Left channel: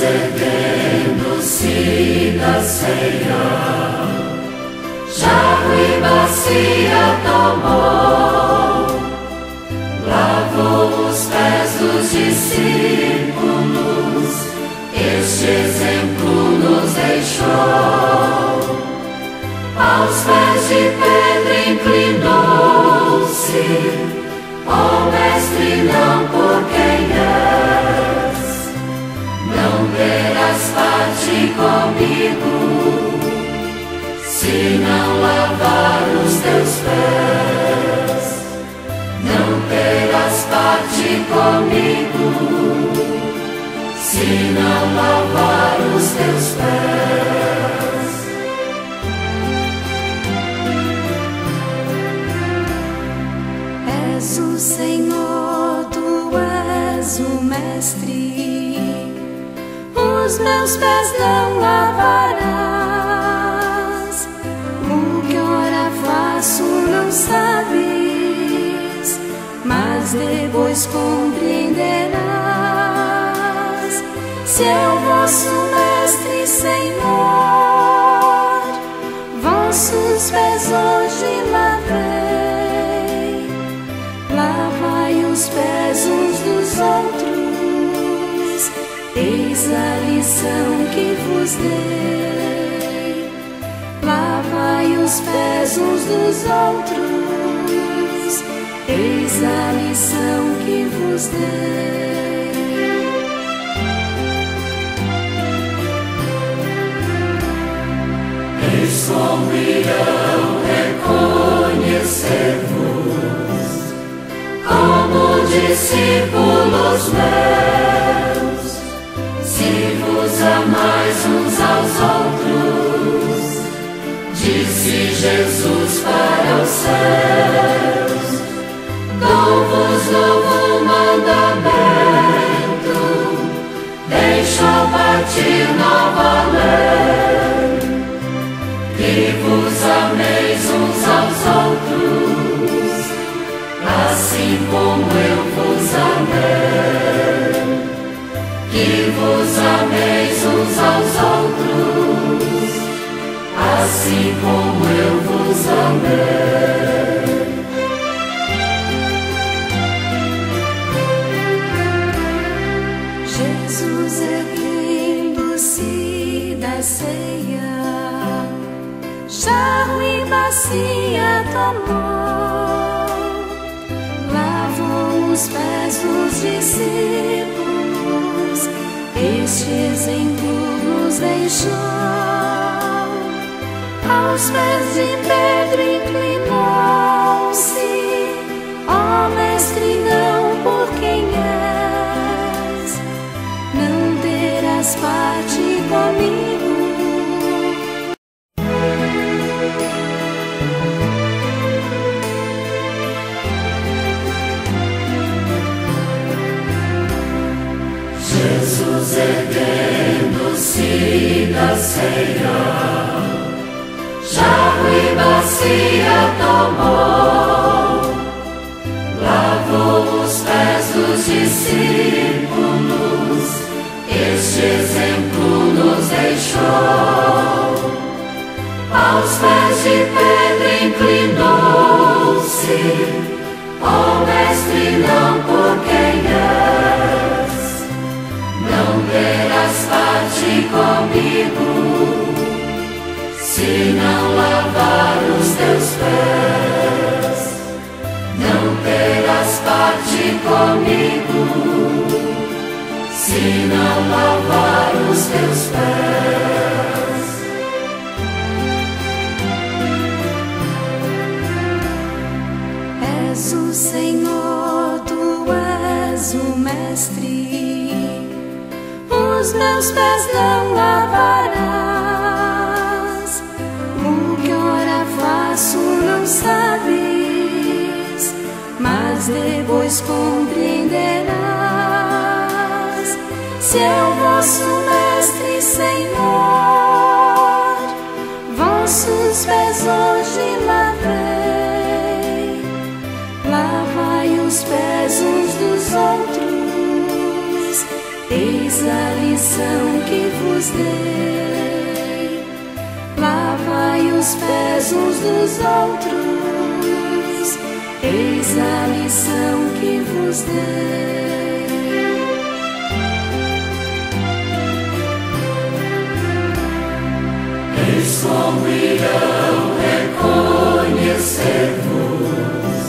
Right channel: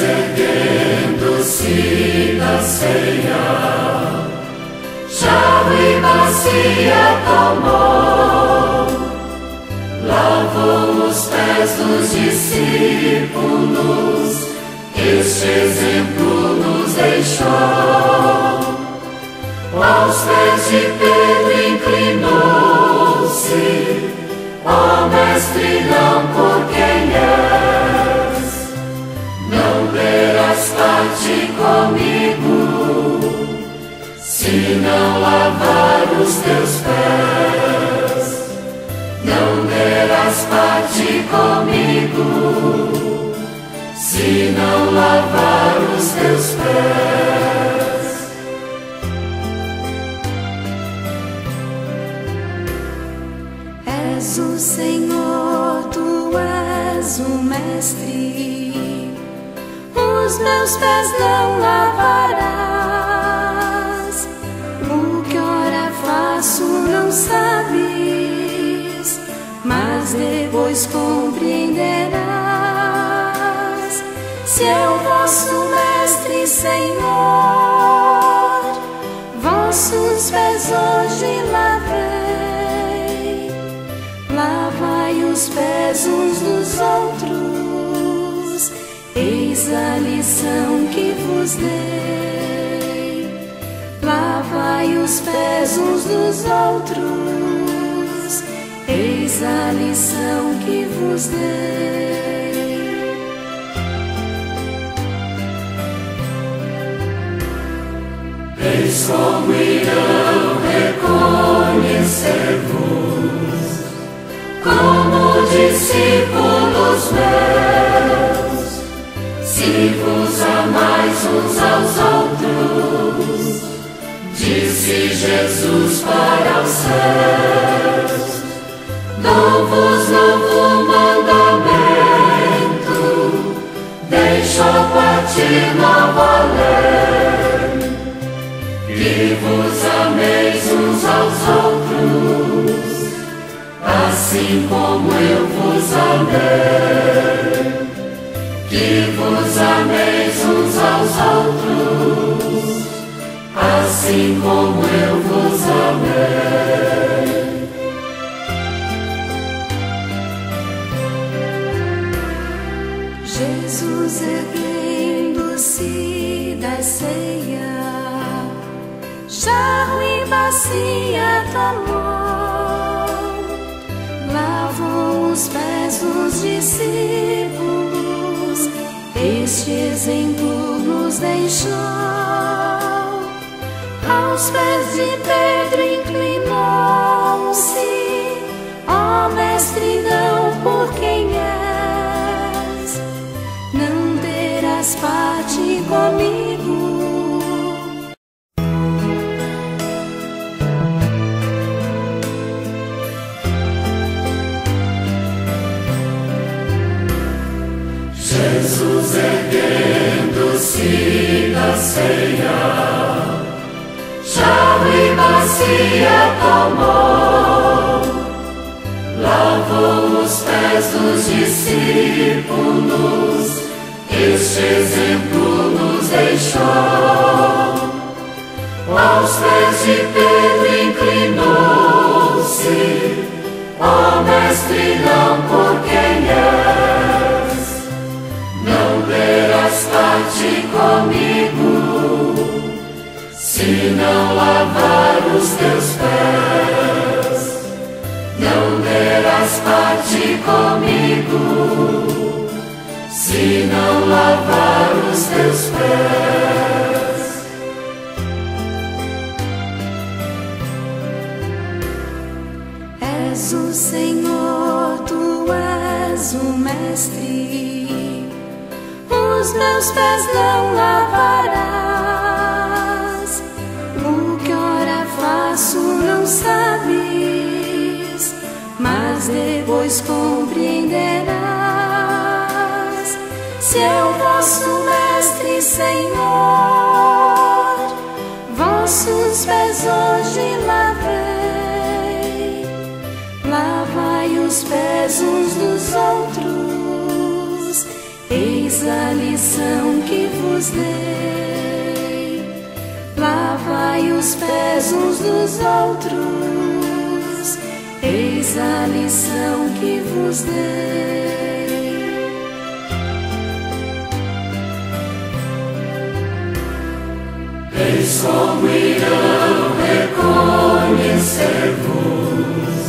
erguendo-se da ceia, jarro e bacia tomou, lavou os pés dos discípulos, este exemplo nos deixou. Aos pés de Pedro inclinou-se, ó Mestre, não por quem és, não terás parte comigo, se não lavar os teus pés. Não terás parte comigo, se não lavar os teus pés. És o Senhor, tu és o Mestre, os meus pés não lavarás. O que ora faço não sabes, mas depois compreenderás. Se é o vosso Mestre, Senhor, vossos pés hoje lavei. Lavai os pés uns dos outros, eis a lição que vos dei. Lavai os pés uns dos outros, eis a lição que vos dei. Eis como irão reconhecer-vos como discípulos meus, se vos amais uns aos outros, disse Jesus para os céus. Dou-vos novo mandamento, deixo partir nova lei, que vos ameis uns aos outros, assim como eu vos amei, que vos ameis uns aos outros, assim como eu vos amei. Jesus erguendo-se da ceia, jarro e bacia tomou, lavou os pés dos discípulos, este exemplo nos deixou. Aos pés de Pedro inclinou-se, ó Mestre, não por quem és, não terás parte comigo. Jesus erguendo-se da ceia, jarro e bacia tomou, lavou os pés dos discípulos, este exemplo nos deixou. Aos pés de Pedro inclinou-se, ó Mestre, não por quem és, não terás parte comigo, se não lavar os teus pés. Não terás parte comigo, se não lavar os teus pés. És o Senhor, tu és o Mestre, os meus pés não lavarás. O que ora faço não sabes, mas depois compreenderás. Se é o vosso Mestre, Senhor, vossos pés hoje lavei. Lavai os pés uns dos outros, eis Eis a lição que vos dei: lavai os pés uns dos outros. Eis a lição que vos dei. Eis como irão reconhecer-vos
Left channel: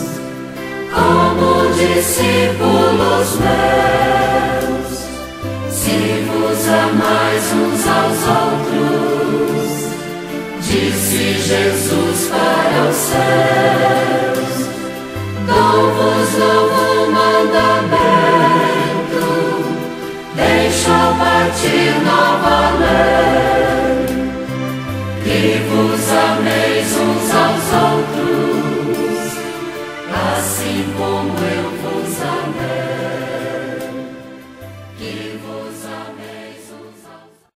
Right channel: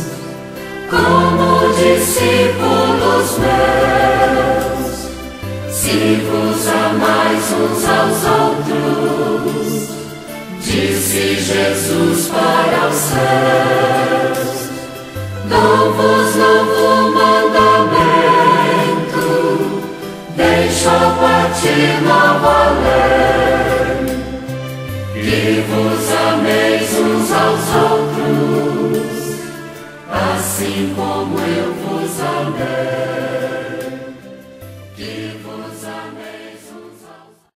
como discípulos meus, se vos amais uns aos outros, disse Jesus para os céus. Dou-vos novo mandamento, deixo partir nova lei, e vos amei